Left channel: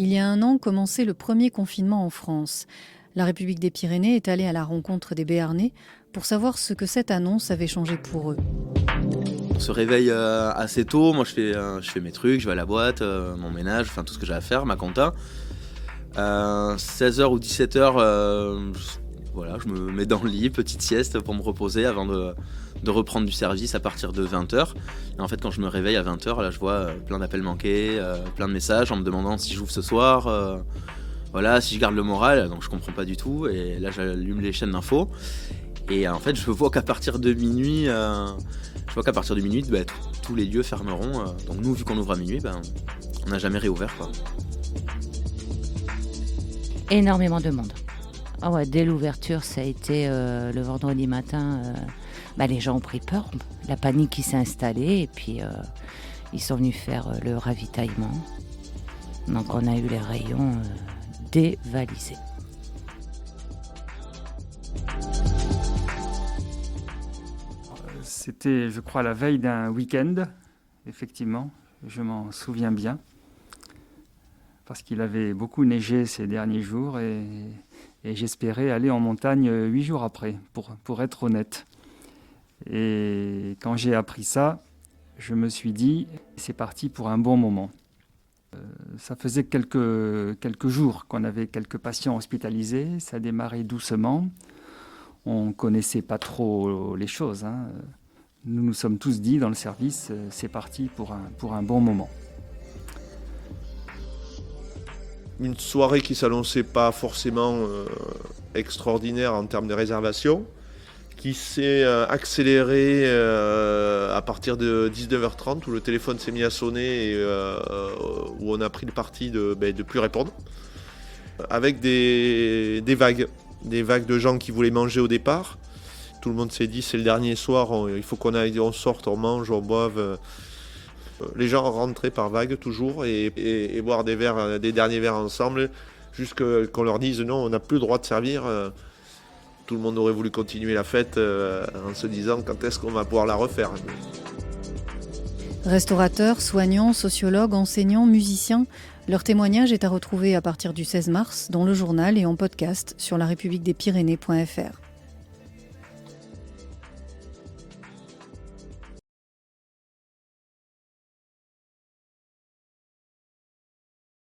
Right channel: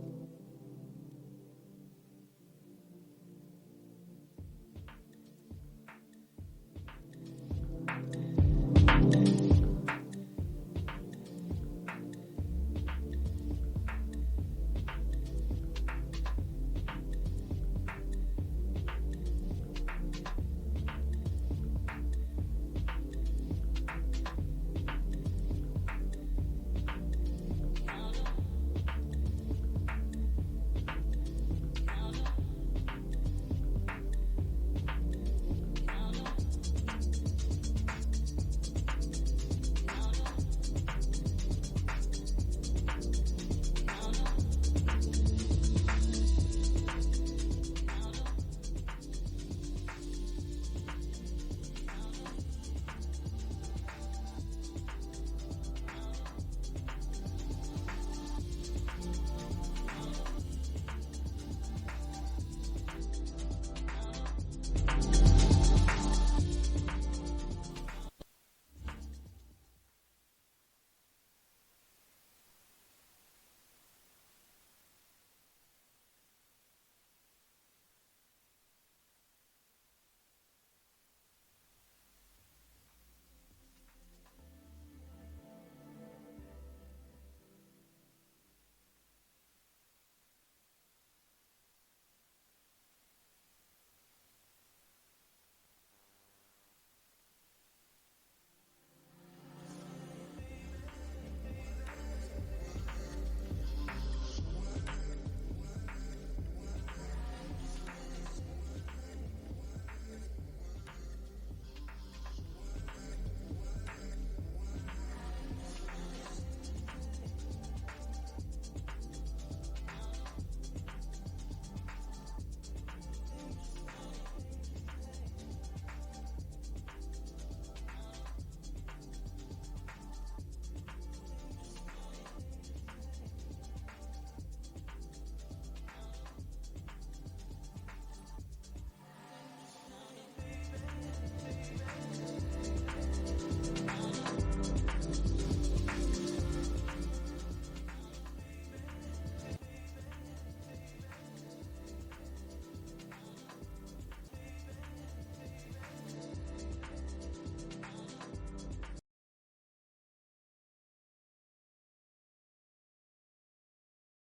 Il y a 1 an commençait le premier confinement en France. La République des Pyrénées est allée à la rencontre des Béarnais pour savoir ce que cette annonce avait changé pour eux. On se réveille assez tôt, moi je fais mes trucs, je vais à la boîte, mon ménage, enfin tout ce que j'ai à faire, ma compta. 16h ou 17h, voilà, je me mets dans le lit, petite sieste pour me reposer avant de reprendre du service à partir de 20h. Et en fait quand je me réveille à 20h, là je vois plein d'appels manqués, plein de messages en me demandant si j'ouvre ce soir, voilà, si je garde le moral, donc je comprends pas du tout. Et là j'allume les chaînes d'infos. Et en fait je vois qu'à partir de minuit, tous les lieux fermeront. Donc nous, vu qu'on ouvre à minuit, on n'a jamais réouvert, quoi. Énormément de monde. Ah ouais, dès l'ouverture, ça a été le vendredi matin. Les gens ont pris peur, la panique qui s'est installée et puis ils sont venus faire le ravitaillement. Donc on a eu les rayons dévalisés. C'était, je crois, la veille d'un week-end, effectivement, je m'en souviens bien, parce qu'il avait beaucoup neigé ces derniers jours et j'espérais aller en montagne 8 jours après, pour être honnête. Et quand j'ai appris ça, je me suis dit, c'est parti pour un bon moment. Ça faisait quelques jours qu'on avait quelques patients hospitalisés, ça démarrait doucement, on ne connaissait pas trop les choses, hein. Nous nous sommes tous dit dans le service, c'est parti pour un bon moment. Une soirée qui ne s'annonçait pas forcément extraordinaire en termes de réservation, qui s'est accélérée à partir de 19h30 où le téléphone s'est mis à sonner et où on a pris le parti de plus répondre, avec des vagues de gens qui voulaient manger au départ. Tout le monde s'est dit c'est le dernier soir, il faut on sorte, on mange, on boive. Les gens rentraient par vagues toujours et boire des derniers verres ensemble, jusqu'à qu'on leur dise non, on n'a plus le droit de servir. Tout le monde aurait voulu continuer la fête en se disant quand est-ce qu'on va pouvoir la refaire. Restaurateurs, soignants, sociologues, enseignants, musiciens, leur témoignage est à retrouver à partir du 16 mars dans le journal et en podcast sur larepubliquedespyrénées.fr.